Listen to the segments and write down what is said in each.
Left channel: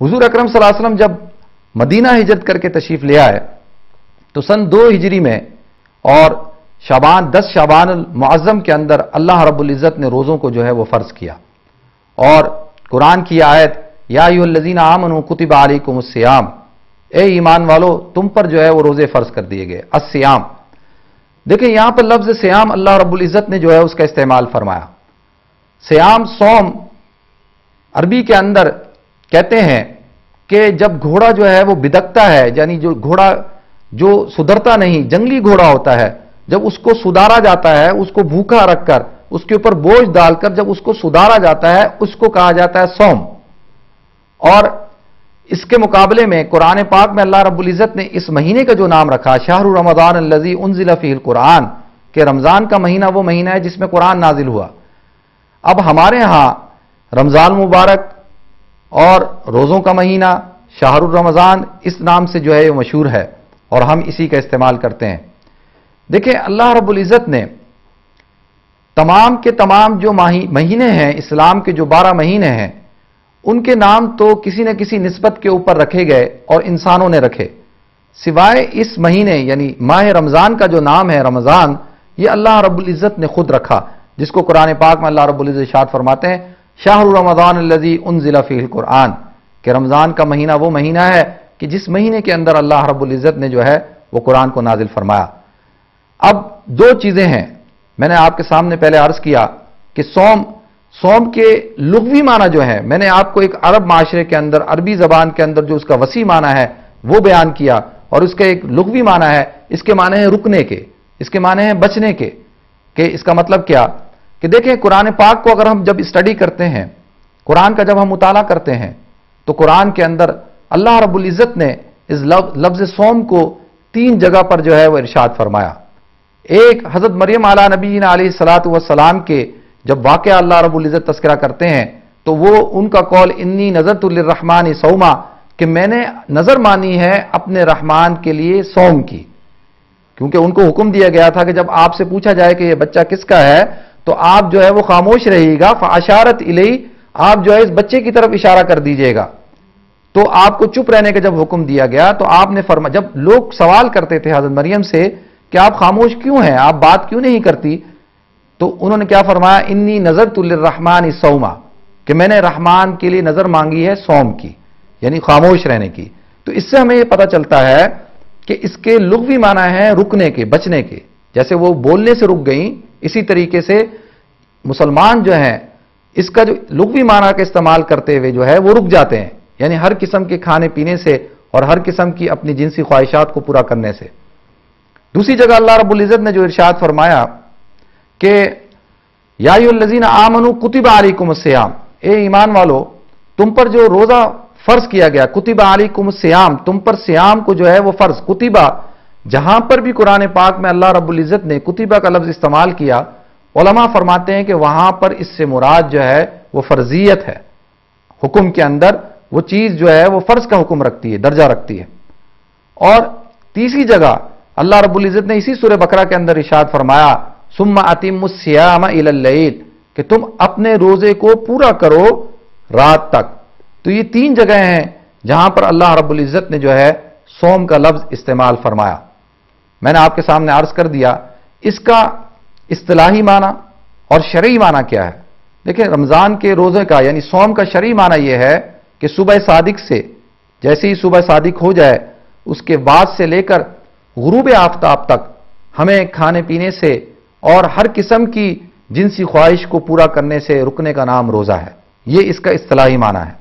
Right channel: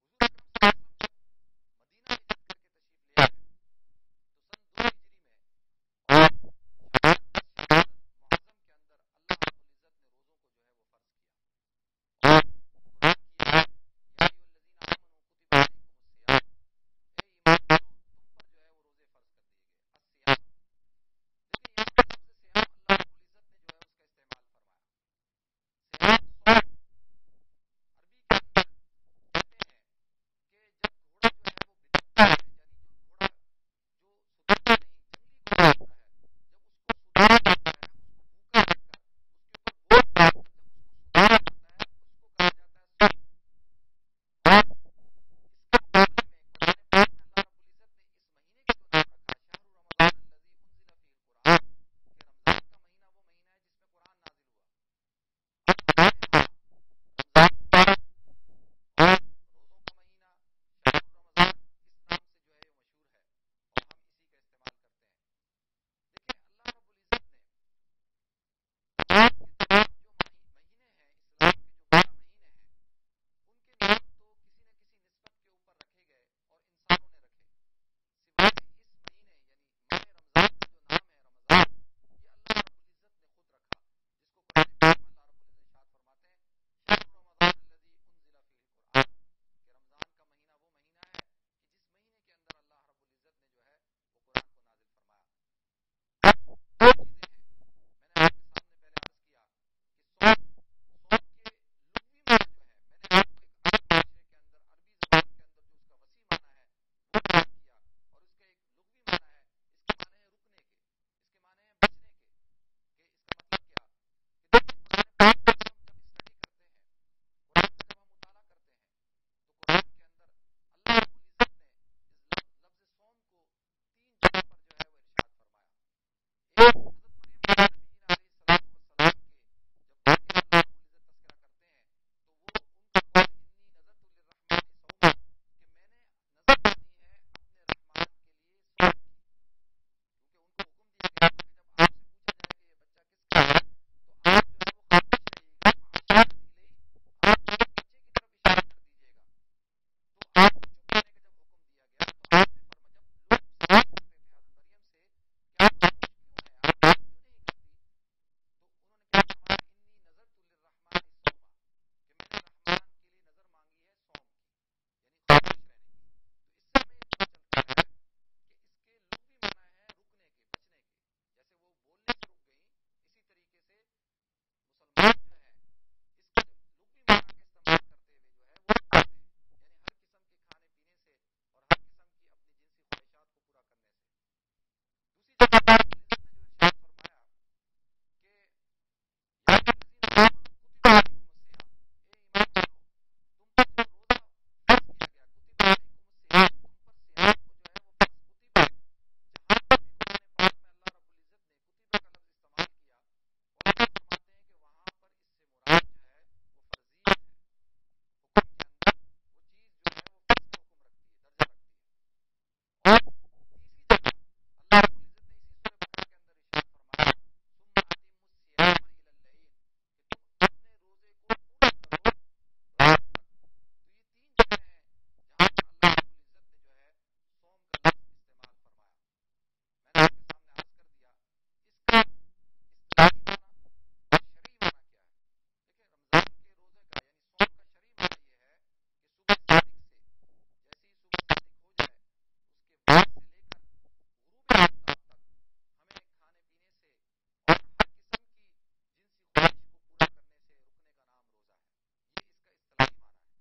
हुजूर अकरम सल्लल्लाहु अलैहि वसल्लम जब मदीना हिजरत करके तशरीफ ले आए तो सन 2 हिजरी में और 10 शाबान मुअज्जम के अंदर अल्लाह रब्बुल इज़्ज़त ने रोज़ों को जो है वो फ़र्ज़ किया। और कुरान की आयत या अय्युहल्लज़ीना आमनू कुतिबा अलैकुमुस सियाम, ए ईमान वालो तुम पर जो है वो रोज़े फ़र्ज़ कर दिए गए। अस्सियाम, देखिए यहां पर लफ्ज़ सियाम अल्लाह रब्बुल इज़्ज़त ने जो है उसका इस्तेमाल फरमाया। सियाम सौम अरबी के अंदर कहते हैं कि जब घोड़ा जो है वो बिदकता है, यानी जो घोड़ा जो सुधरता नहीं, जंगली घोड़ा होता है, जब उसको सुधारा जाता है, उसको भूखा रखकर उसके ऊपर बोझ डालकर जब उसको सुधारा जाता है, उसको कहा जाता है सौम। और इसके मुकाबले में कुरान पाक में अल्लाह रब्बुल इज़्ज़त ने इस महीने का जो नाम रखा शहरु रमज़ान अल्लज़ी उन्ज़िला फ़ीहिल कुरान, कि रमज़ान का महीना वो महीना है जिसमें कुरान नाजिल हुआ। अब हमारे यहां रमज़ान मुबारक और रोज़ों का महीना शहरुर रमज़ान इस नाम से जो है ये मशहूर है और हम इसी का इस्तेमाल करते हैं। देखिए अल्लाह रब्बुल इज़्ज़त ने तमाम के तमाम जो महीने हैं, इस्लाम के जो 12 महीने हैं, उनके नाम तो किसी न किसी निस्बत के ऊपर रखे गए और इंसानों ने रखे, सिवाय इस महीने यानी माह रमज़ान का जो नाम है रमज़ान, ये अल्लाह रब्बुल इज़्ज़त ने खुद रखा, जिसको कुरान पाक में अल्लाह रब्बुल इज़्ज़त इरशाद फरमाते हैं शाहरु रमज़ान अल्लज़ी उन्ज़िला फ़ीहिल कुरान, कि रमज़ान का महीना वो महीना है कि जिस महीने के अंदर अल्लाह रब्बुल इज़्ज़त ने जो है वो कुरान को नाजिल फरमाया। अब 2 चीजें हैं, मैंने आपके सामने पहले अर्ज किया कि सौम के लुग़वी माना जो है, मैंने आपको एक अरब माशरे के अंदर अरबी जबान के अंदर जो उसका वसी माना है वो बयान किया, और उसका एक लुग़वी माना है, इसके माने हैं रुकने के, इसके माने हैं बचने के। कि इसका मतलब क्या कि देखें कुरान पाक को अगर हम जब स्टडी करते हैं, कुरान का जब हम मुताला करते हैं, तो कुरान के अंदर अल्लाह रब्बुल इज़्ज़त ने इस लफ्ज़ सौम को 3 जगह पर जो है वो इरशाद फरमाया। एक हज़रत मरियम आला नबीना अलैहिस्सलातु वस्सलाम के जब वाक़या अल्लाह रब्बुल इज़्ज़त तज़किरा करते हैं तो वो उनका कौल इन्नी नज़रतु लिर्रहमानि सौमा, कि मैंने नजर मानी है अपने रहमान के लिए सौम की, क्योंकि उनको हुक्म दिया गया था कि जब आपसे पूछा जाए कि ये बच्चा किसका है तो आप जो है वो खामोश रहिएगा, फ़अशारत इलैहि, आप जो है इस बच्चे की तरफ इशारा कर दीजिएगा। तो आपको चुप रहने का जब हुक्म दिया गया तो आपने फरमाया, जब लोग सवाल करते थे हज़रत मरियम से कि आप खामोश क्यों हैं, आप बात क्यों नहीं करती, तो उन्होंने क्या फरमाया, इन्नी नज़रतु लिर्रहमानि सौमा, कि मैंने रहमान के लिए नजर मांगी है सौम की, यानी खामोश रहने की। तो इससे हमें यह पता चलता है कि इसके लुग़वी माना है रुकने के, बचने के। जैसे वो बोलने से रुक गई, इसी तरीके से मुसलमान जो हैं इसका जो लुग़वी माना का इस्तेमाल करते हुए जो है वो रुक जाते हैं, यानी हर किस्म के खाने पीने से और हर किस्म की अपनी जिनसी ख्वाहिशात को पूरा करने से। दूसरी जगह अल्लाह रब्बुल इज़्ज़त ने जो इरशाद फरमाया कि या अय्युहल्लज़ीना आमनू कुतिबा अलैकुमुस सियाम, ए ईमान वालो तुम पर जो रोजा फर्ज किया गया, कुतिबा अलैकुमुस सियाम, तुम पर सियाम को जो है वो फर्ज। कुतिबा, जहां पर भी कुरान पाक में अल्लाह रब्बुल इज़्ज़त ने कुतिबा का लफ्ज इस्तेमाल किया, उलमा फरमाते हैं कि वहां पर इससे मुराद जो है वो फर्जियत है, हुक्म के अंदर वो चीज जो है वो फर्ज का हुक्म रखती है, दर्जा रखती है। और तीसरी जगह अल्लाह रब्बुल इज़्ज़त ने इसी सूरह बकरा के अंदर इरशाद फरमाया सुम्मा अतिम्मुस सियाम इलल लैल, कि तुम अपने रोजे को पूरा करो रात तक। तो ये 3 जगह हैं जहां पर अल्लाह रब्बुल इज़्ज़त ने जो है सौम का लफ्ज इस्तेमाल फरमाया। मैंने आपके सामने अर्ज कर दिया इसका इस्तिलाही माना और शरई माना क्या है। देखिए रमजान के रोजे का यानी सौम का शरई माना यह है कि सुबह सादिक से, जैसे ही सुबह सादिक हो जाए उसके बाद से लेकर गुरूब आफ्ताब तक हमें खाने पीने से और हर किस्म की जिनसी ख्वाहिश को पूरा करने से रुकने का नाम रोजा है। यह इसका इस्तिलाही माना है।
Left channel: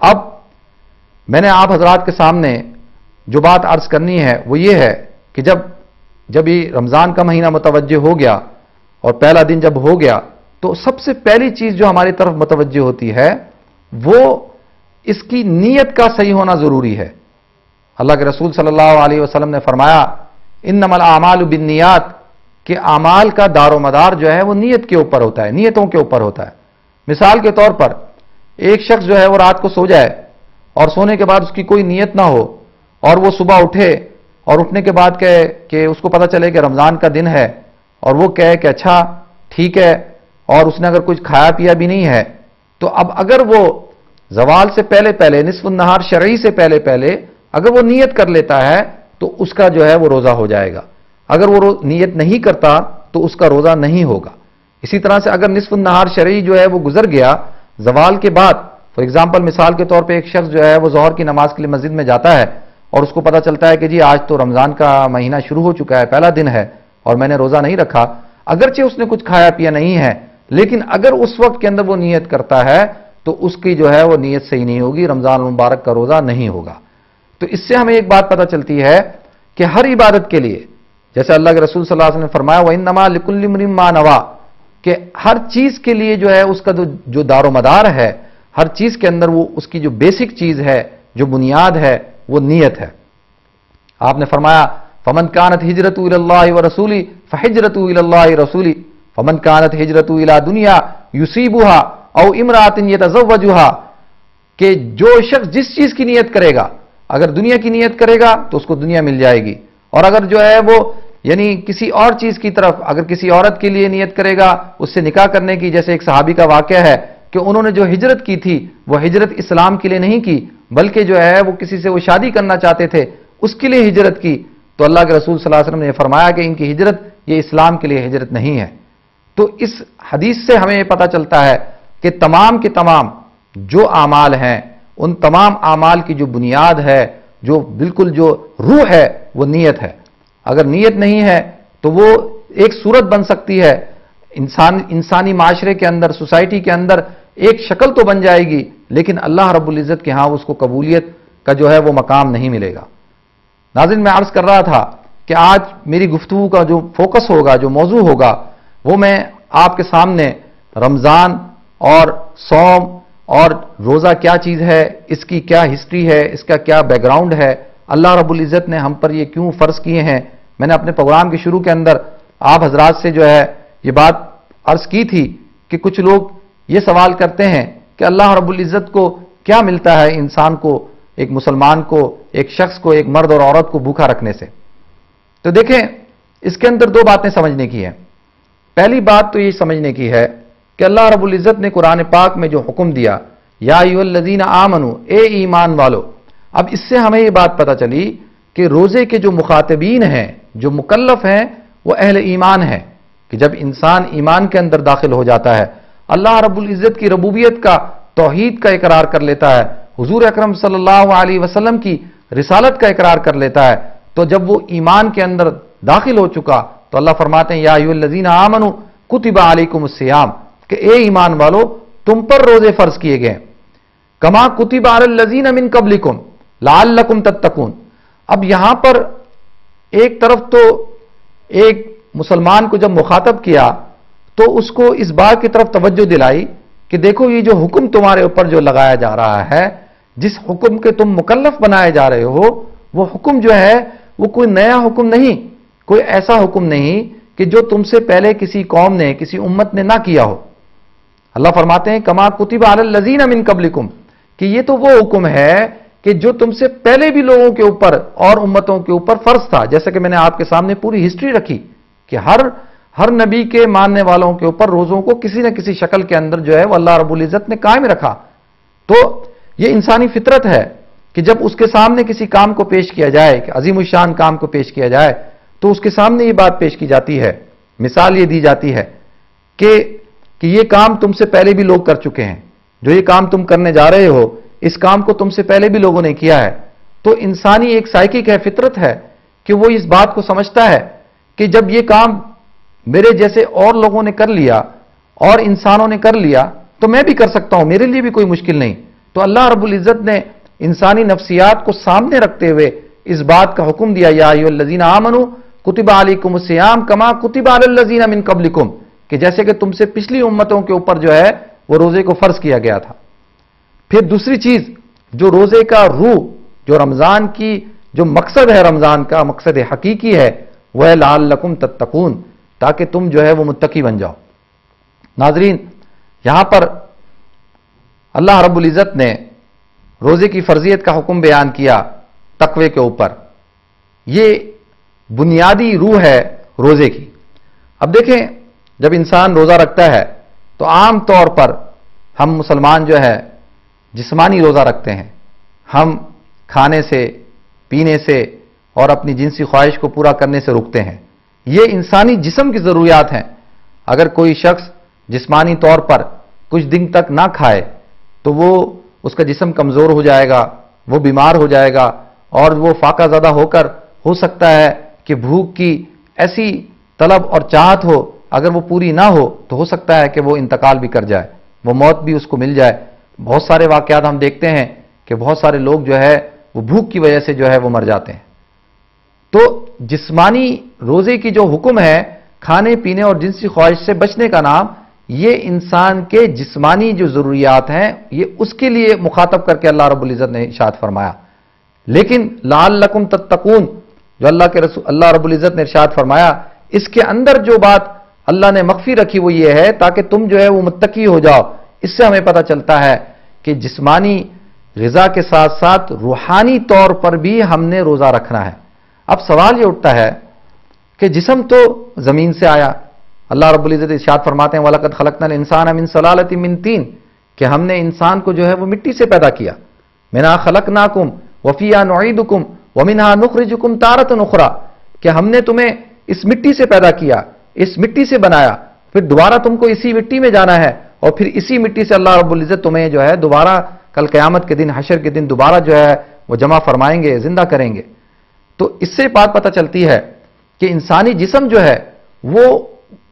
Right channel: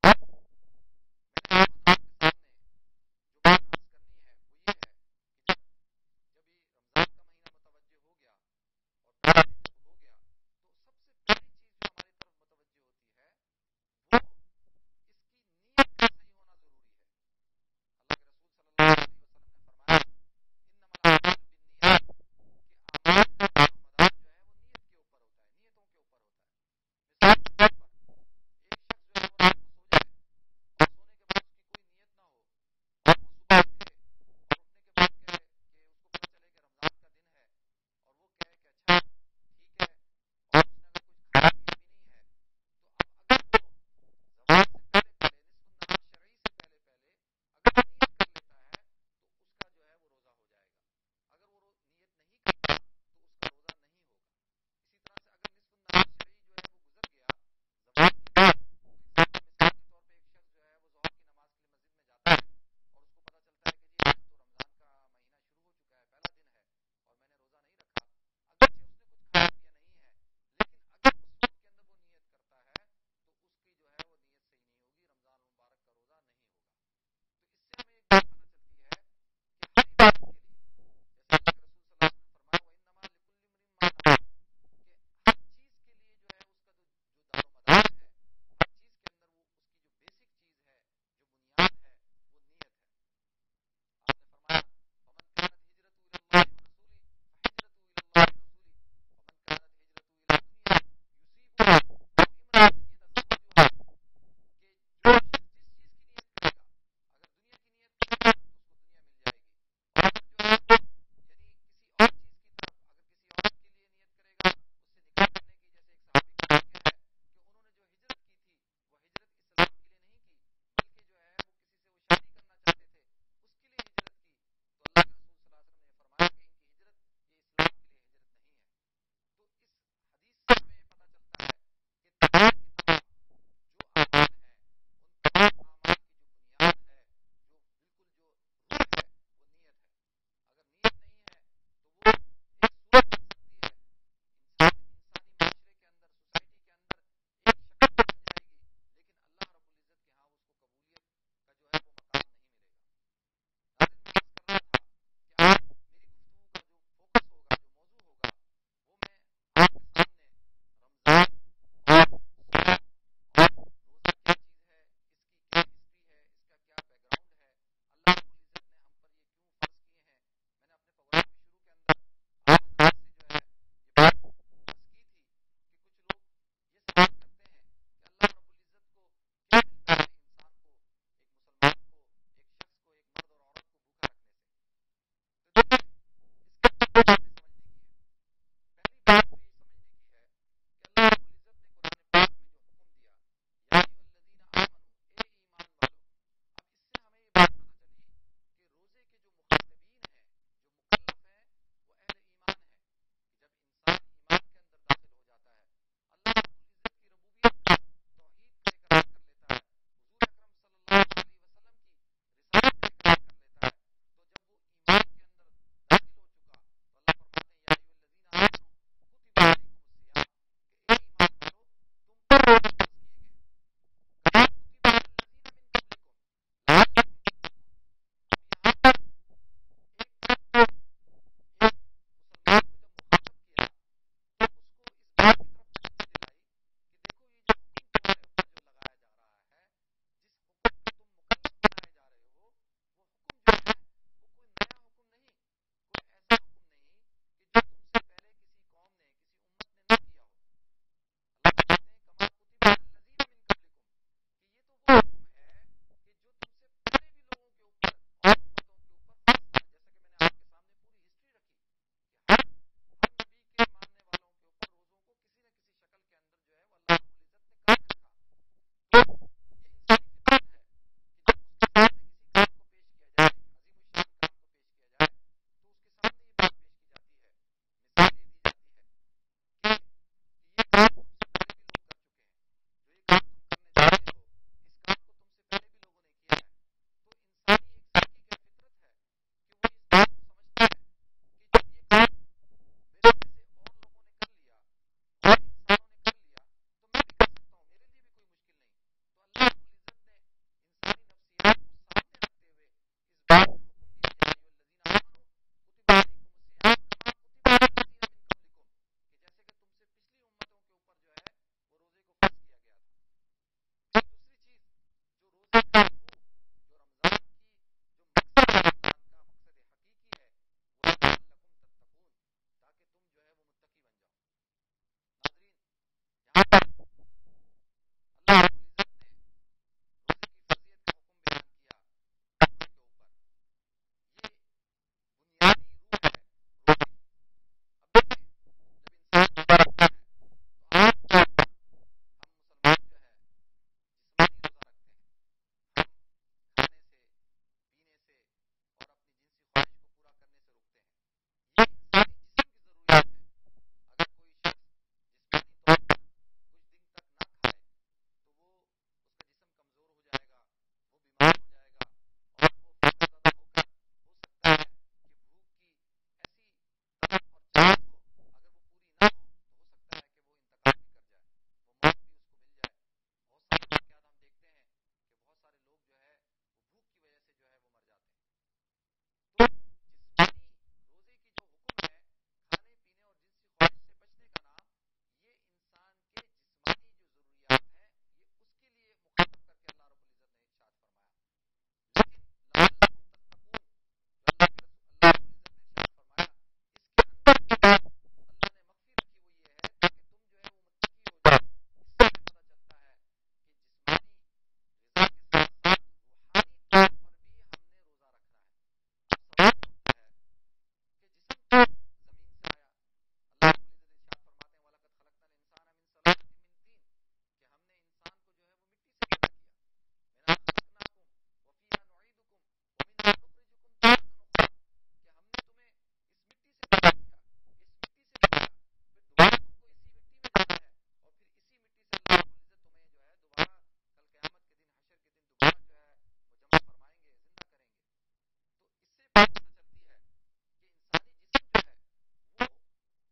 अब मैंने आप हजरात के सामने जो बात अर्ज करनी है वो ये है कि जब ये रमजान का महीना मुतवज्जे हो गया और पहला दिन जब हो गया तो सबसे पहली चीज जो हमारी तरफ मुतवज्जे होती है वो इसकी नीयत का सही होना जरूरी है। अल्लाह के रसूल सल्लल्लाहु अलैहि वसल्लम ने फरमाया इन्नमल आमालु बिन्नियात, कि आमाल का दारो मदार जो है वो नीयत के ऊपर होता है, नीयतों के ऊपर होता है। मिसाल के तौर पर एक शख्स जो है वो रात को सो जाए और सोने के बाद उसकी कोई नीयत ना हो और वो सुबह उठे और उठने के बाद कहे कि उसको पता चले कि रमजान का दिन है और वो कहे कि अच्छा ठीक है, और उसने अगर कुछ खाया पिया भी नहीं है, तो अब अगर वो زوال سے پہلے پہلے، نصف النہار شرعی سے پہلے پہلے اگر وہ نیت کر لیتا ہے تو اس کا جو ہے وہ روزہ ہو جائے گا. اگر وہ نیت نہیں کرتا تو اس کا روزہ نہیں ہوگا. اسی طرح سے اگر نصف النہار شرعی جو ہے وہ گزر گیا زوال کے بعد، فار ایگزامپل مثال کے طور پہ ایک شخص جو ہے وہ ظہر کی نماز کے لیے مسجد میں جاتا ہے اور اس کو پتا چلتا ہے کہ جی آج تو رمضان کا مہینہ شروع ہو چکا ہے، پہلا دن ہے اور میں نے روزہ نہیں رکھا، اگرچہ اس نے کچھ کھایا پیا نہیں ہے، لیکن اگر اس وقت کے اندر وہ نیت کرتا ہے تو اس کی جو ہے وہ نیت صحیح نہیں ہوگی، رمضان المبارک کا روزہ نہیں ہوگا. تو اس سے ہمیں ایک بات پتا چلتی ہے کہ ہر عبادت کے لیے، جیسے اللہ کے رسول صلی اللہ علیہ وسلم نے فرمایا وَإِنَّمَا لِكُلِّ امْرِئٍ مَّا نَوَىٰ، کہ ہر چیز کے لیے جو ہے اس کا جو دار و مدار ہے، ہر چیز کے اندر وہ اس کی جو بیسک چیز ہے، جو بنیاد ہے، وہ نیت ہے. آپ نے فرمایا فَمَنْ كَانَتْ هِجْرَتُهُ إِلَى اللَّهِ وَرَسُولِهِ فَهِجْرَتُهُ إِلَى اللَّهِ وَرَسُولِهِ فَمَنْ كَانَتْ هِجْرَتُهُ إِلَى دُنْيَا يُصِيبُهَا أَوْ امْرَأَةٍ يَتَزَوَّجُهَا، کہ جو شخص جس چیز کی نیت کرے گا، اگر دنیا کی نیت کرے گا تو اس کو دنیا مل جائے گی، اور اگر جو ہے وہ یعنی کسی اور چیز کی طرف، اگر کسی عورت کے لیے نیت کرے گا اس سے نکاح کرنے کی، جیسے ایک صحابی کا واقعہ ہے کہ انہوں نے جو ہجرت کی تھی وہ ہجرت اسلام کے لیے نہیں کی، بلکہ جو ہے وہ کسی سے وہ شادی کرنا چاہتے تھے، اس کے لیے ہجرت کی، تو اللہ کے رسول صلی اللہ علیہ وسلم نے فرمایا کہ ان کی ہجرت یہ اسلام کے لیے ہجرت نہیں ہے. تو اس حدیث سے ہمیں یہ پتہ چلتا ہے کہ تمام کے تمام جو اعمال ہیں، ان تمام اعمال کی جو بنیاد ہے، جو بالکل جو روح ہے، وہ نیت ہے. اگر نیت نہیں ہے تو وہ ایک صورت بن سکتی ہے انسانی معاشرے کے اندر، سوسائٹی کے اندر ایک شکل تو بن جائے گی، لیکن اللہ رب العزت کے ہاں اس کو قبولیت کا جو ہے وہ مقام نہیں ملے گا. ناظرین، میں عرض کر رہا تھا کہ آج میری گفتگو کا جو فوکس ہوگا، جو موضوع ہوگا، وہ میں آپ کے سامنے رمضان اور صوم اور روزہ کیا چیز ہے، اس کی کیا ہسٹری ہے، اس کا کیا بیک گراؤنڈ ہے، اللہ رب العزت نے ہم پر یہ کیوں فرض کیے ہیں. میں نے اپنے پروگرام کے شروع کے اندر آپ حضرات سے جو ہے یہ بات عرض کی تھی کہ کچھ لوگ یہ سوال کرتے ہیں کہ اللہ رب العزت کو کیا ملتا ہے انسان کو، ایک مسلمان کو، ایک شخص کو، ایک مرد اور عورت کو بھوکا رکھنے سے. تو دیکھیں اس کے اندر دو باتیں سمجھنے کی ہیں. پہلی بات تو یہ سمجھنے کی ہے کہ اللہ رب العزت نے قرآن پاک میں جو حکم دیا یا ایھا الذین آمنوا، اے ایمان والو، اب اس سے ہمیں یہ بات پتہ چلی کہ روزے کے جو مخاطبین ہیں، جو مکلف ہیں، وہ اہل ایمان ہیں. کہ جب انسان ایمان کے اندر داخل ہو جاتا ہے، اللہ رب العزت کی ربوبیت کا، توحید کا اقرار کر لیتا ہے، حضور اکرم صلی اللہ علیہ وسلم کی رسالت کا اقرار کر لیتا ہے، تو جب وہ ایمان کے اندر داخل ہو چکا تو اللہ فرماتے ہیں یا ایھا الذین آمنوا کتب علیکم الصیام، کہ اے ایمان والو تم پر روزے فرض کیے گئے، کما کتب علی الذین من قبلکم لعلکم تتقون. اب یہاں پر ایک طرف تو ایک مسلمان کو جب مخاطب کیا تو اس کو اس بات کی طرف توجہ دلائی کہ دیکھو یہ جو حکم تمہارے اوپر جو لگایا جا رہا ہے، جس حکم کے تم مکلف بنائے جا رہے ہو، وہ حکم جو ہے وہ کوئی نیا حکم نہیں، کوئی ایسا حکم نہیں کہ جو تم سے پہلے کسی قوم نے، کسی امت نے نہ کیا ہو. اللہ فرماتے ہیں کما کتب علی الذین من قبلکم، کہ یہ تو وہ حکم ہے کہ جو تم سے پہلے بھی لوگوں کے اوپر اور امتوں کے اوپر فرض تھا. جیسا کہ میں نے آپ کے سامنے پوری ہسٹری رکھی کہ ہر نبی کے ماننے والوں کے اوپر روزوں کو کسی نہ کسی شکل کے اندر جو ہے وہ اللہ رب العزت نے قائم رکھا. تو یہ انسانی فطرت ہے کہ جب اس کے سامنے کسی کام کو پیش کیا جائے، کہ عظیم الشان کام کو پیش کیا جائے، تو اس کے سامنے یہ بات پیش کی جاتی ہے، مثال یہ دی جاتی ہے کہ یہ کام تم سے پہلے بھی لوگ کر چکے ہیں، جو یہ کام تم کرنے جا رہے ہو اس کام کو تم سے پہلے بھی لوگوں نے کیا ہے. تو انسانی ایک سائیکک ہے، فطرت ہے کہ وہ اس بات کو سمجھتا ہے کہ جب یہ کام میرے جیسے اور لوگوں نے کر لیا اور انسانوں نے کر لیا تو میں بھی کر سکتا ہوں، میرے لیے بھی کوئی مشکل نہیں. تو اللہ رب العزت نے انسانی نفسیات کو سامنے رکھتے ہوئے اس بات کا حکم دیا یا ایھا الذین آمنوا کتب علیکم الصیام کما کتب علی الذین من قبلکم، کہ جیسے کہ تم سے پچھلی امتوں کے اوپر جو ہے وہ روزے کو فرض کیا گیا تھا. پھر دوسری چیز جو روزے کا روح، جو رمضان کی جو مقصد ہے، رمضان کا مقصد حقیقی ہے، وہ ہے لعلکم تتقون، تاکہ تم جو ہے وہ متقی بن جاؤ. ناظرین، یہاں پر اللہ رب العزت نے روزے کی فرضیت کا حکم بیان کیا تقوی کے اوپر. یہ بنیادی روح ہے روزے کی. اب دیکھیں جب انسان روزہ رکھتا ہے تو عام طور پر ہم مسلمان جو ہے जिस्मानी रोज़ा रखते हैं, हम खाने से, पीने से और अपनी जिनसी ख्वाहिश को पूरा करने से रुकते हैं। ये इंसानी जिस्म की ज़रूरियात हैं। अगर कोई शख्स जिस्मानी तौर पर कुछ दिन तक ना खाए तो वो उसका जिस्म कमज़ोर हो जाएगा, वो बीमार हो जाएगा और वो फाकाज़दा होकर हो सकता है कि भूख की ऐसी तलब और चाहत हो, अगर वो पूरी ना हो तो हो सकता है कि वो इंतकाल भी कर जाए, वो मौत भी उसको मिल जाए। बहुत सारे वाक़यात हम देखते हैं कि बहुत सारे लोग जो है वो भूख की वजह से जो है वो मर जाते हैं। तो जिस्मानी रोज़े की जो हुक्म है खाने पीने और जिनसी ख्वाहिश से बचने का नाम, ये इंसान के जिस्मानी जो ज़रूरियात हैं ये उसके लिए मुखातब करके अल्लाह रब्बुल इज़्ज़त ने इरशाद फरमाया। लेकिन लअल्लकुम तत्तकून जो अल्लाह रब्बुल इज़्ज़त ने इरशाद फरमाया, इसके अंदर जो बात अल्लाह ने मख्फी रखी वो ये है ताकि तुम जो है वो मुत्तकी हो जाओ। इससे हमें पता चलता है कि जिस्मानी ग़िज़ा के साथ साथ रूहानी तौर पर भी हमने रोज़ा रखना है। अब सवाल ये उठता है कि जिस्म तो ज़मीन से आया, अल्लाह रब्बुल इज़्ज़त इरशाद फरमाते हैं वलक़द ख़लक़नल इंसान मिन सलालतिन मिन तीन, कि हमने इंसान को जो है वो मिट्टी से पैदा किया। मिन्हा ख़लक़नाकुम व फ़ीहा नुईदुकुम व मिन्हा नुख़रिजुकुम तारतन उख़रा, कि हमने तुम्हें इस मिट्टी से पैदा किया, इस मिट्टी से बनाया, फिर दोबारा तुमको इसी मिट्टी में जाना है और फिर इसी मिट्टी से अल्लाह रब्बुल इज़्ज़त तुम्हें जो है दोबारा कल क़यामत के दिन, हशर के दिन दोबारा जो है वो जमा फरमाएंगे, जिंदा करेंगे। तो इससे बात पता चलती है कि इंसानी जिस्म जो है वो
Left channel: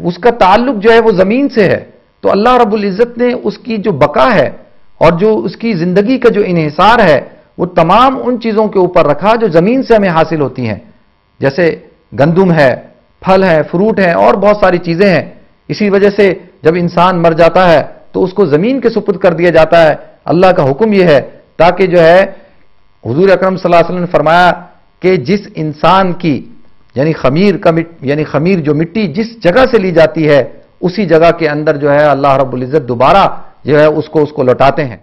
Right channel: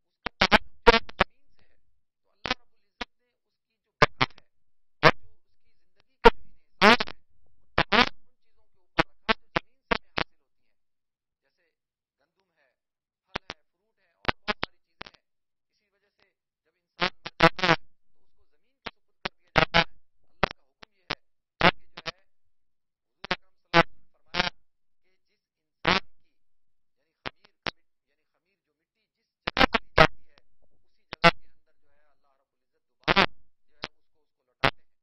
उसका ताल्लुक जो है वो ज़मीन से है। तो अल्लाह रब्बुल इज़्ज़त ने उसकी जो बका है और जो उसकी ज़िंदगी का जो इन्हिसार है वो तमाम उन चीज़ों के ऊपर रखा जो ज़मीन से हमें हासिल होती हैं, जैसे गंदुम है, फल है, फ्रूट है और बहुत सारी चीज़ें हैं। इसी वजह से जब इंसान मर जाता है तो उसको ज़मीन के सुपुर्द कर दिया जाता है। अल्लाह का हुक्म यह है ताकि जो है हुजूर अकरम सल्लल्लाहु अलैहि वसल्लम ने फरमाया कि जिस इंसान की यानी खमीर जो मिट्टी जिस जगह से ली जाती है उसी जगह के अंदर जो है अल्लाह रब्बुल इज़्ज़त दोबारा जो है उसको लौटाते हैं।